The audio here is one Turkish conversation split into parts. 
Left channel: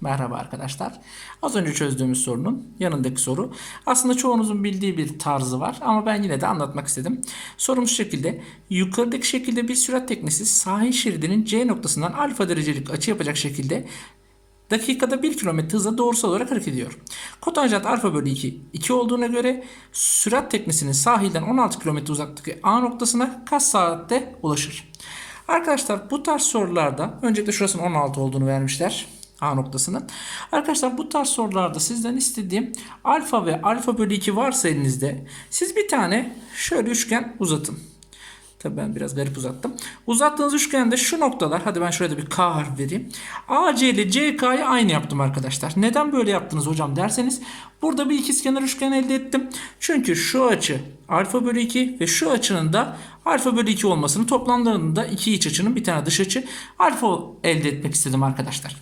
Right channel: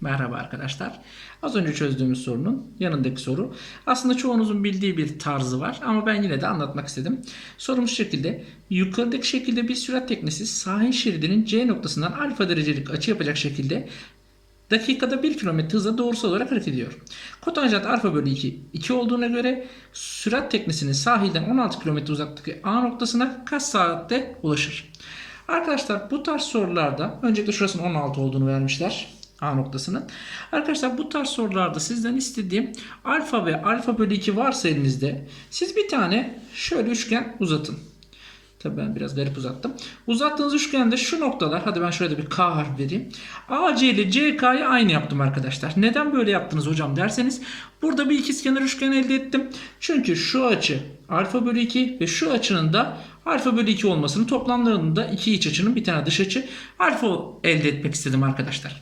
Merhaba arkadaşlar. Az önce çözdüğümüz sorunun yanındaki soru. Aslında çoğunuzun bildiği bir tarzı var ama ben yine de anlatmak istedim. Sorumuz şekilde. Yukarıdaki şekilde bir sürat teknesi sahil şeridinin C noktasından alfa derecelik açı yapacak şekilde dakikada 1 km hızla doğrusal olarak hareket ediyor. Kotanjant alfa bölü 2 2 olduğuna göre sürat teknesinin sahilden 16 km uzaklıktaki A noktasına kaç saatte ulaşır? Arkadaşlar bu tarz sorularda öncelikle şurasının 16 olduğunu vermişler. A noktasının. Arkadaşlar bu tarz sorularda sizden istediğim alfa ve alfa bölü 2 varsa elinizde siz bir tane şöyle üçgen uzatın. Tabii ben biraz garip uzattım. Uzattığınız üçgende şu noktalar hadi ben şurada bir K harf vereyim. AC ile CK'yı aynı yaptım arkadaşlar. Neden böyle yaptınız hocam derseniz burada bir ikizkenar üçgen elde ettim. Çünkü şu açı alfa bölü 2 ve şu açının da alfa bölü 2 olmasını toplamlarında iki iç açının bir tane dış açı alfa elde etmek istedim arkadaşlar.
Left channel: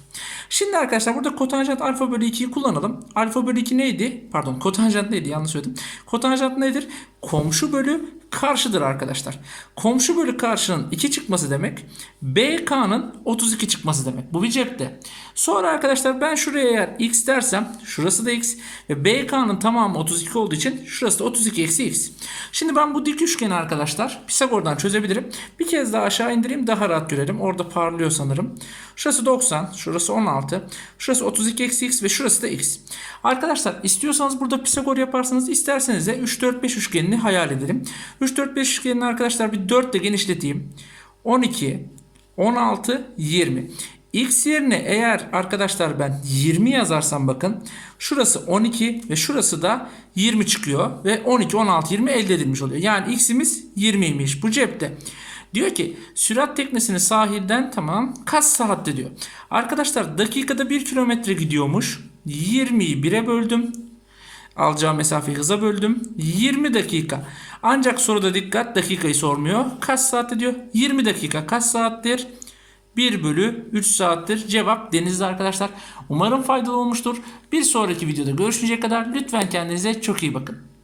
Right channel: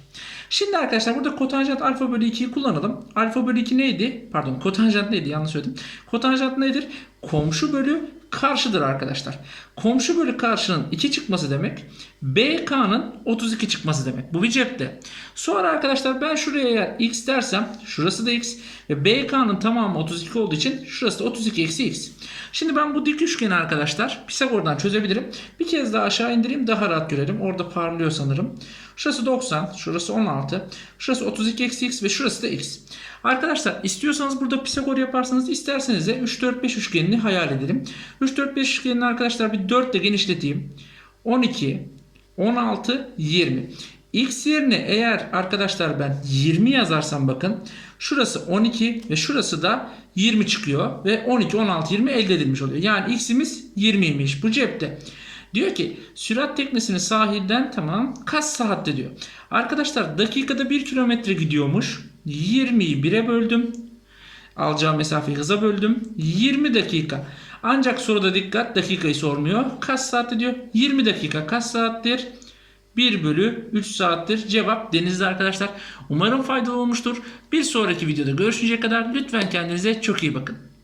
Şimdi arkadaşlar burada kotanjant alfa bölü 2'yi kullanalım. Alfa bölü 2 neydi? Pardon kotanjant neydi? Yanlış söyledim. Kotanjant nedir? Komşu bölü karşıdır arkadaşlar. Komşu bölü karşının 2 çıkması demek. BK'nın 32 çıkması demek. Bu bir cepte. Sonra arkadaşlar ben şuraya eğer x dersem şurası da x ve BK'nın tamamı 32 olduğu için şurası da 32 eksi x. Şimdi ben bu dik üçgeni arkadaşlar Pisagor'dan çözebilirim. Bir kez daha aşağı indireyim daha rahat görelim. Orada parlıyor sanırım. Şurası 90, şurası 16, şurası 32 eksi x ve şurası da x. Arkadaşlar istiyorsanız burada Pisagor yaparsanız isterseniz de 3 4 5 üçgenini hayal edelim. 3 4 5 üçgenini arkadaşlar bir 4 ile genişleteyim. 12, 16, 20. X yerine eğer arkadaşlar ben 20 yazarsam bakın şurası 12 ve şurası da 20 çıkıyor ve 12 16 20 elde edilmiş oluyor. Yani x'imiz 20'ymiş bu cepte. Diyor ki sürat teknesini sahilden tamam kaç saatte diyor. Arkadaşlar dakikada 1 kilometre gidiyormuş. 20'yi 1'e böldüm. Alacağım mesafeyi hıza böldüm. 20 dakika. Ancak soruda dikkat dakikayı sormuyor. Kaç saatte diyor? 20 dakika. Kaç saattir? 1 bölü 3 saattir. Cevap denizde arkadaşlar. Umarım faydalı olmuştur. Bir sonraki videoda görüşünceye kadar lütfen kendinize çok iyi bakın.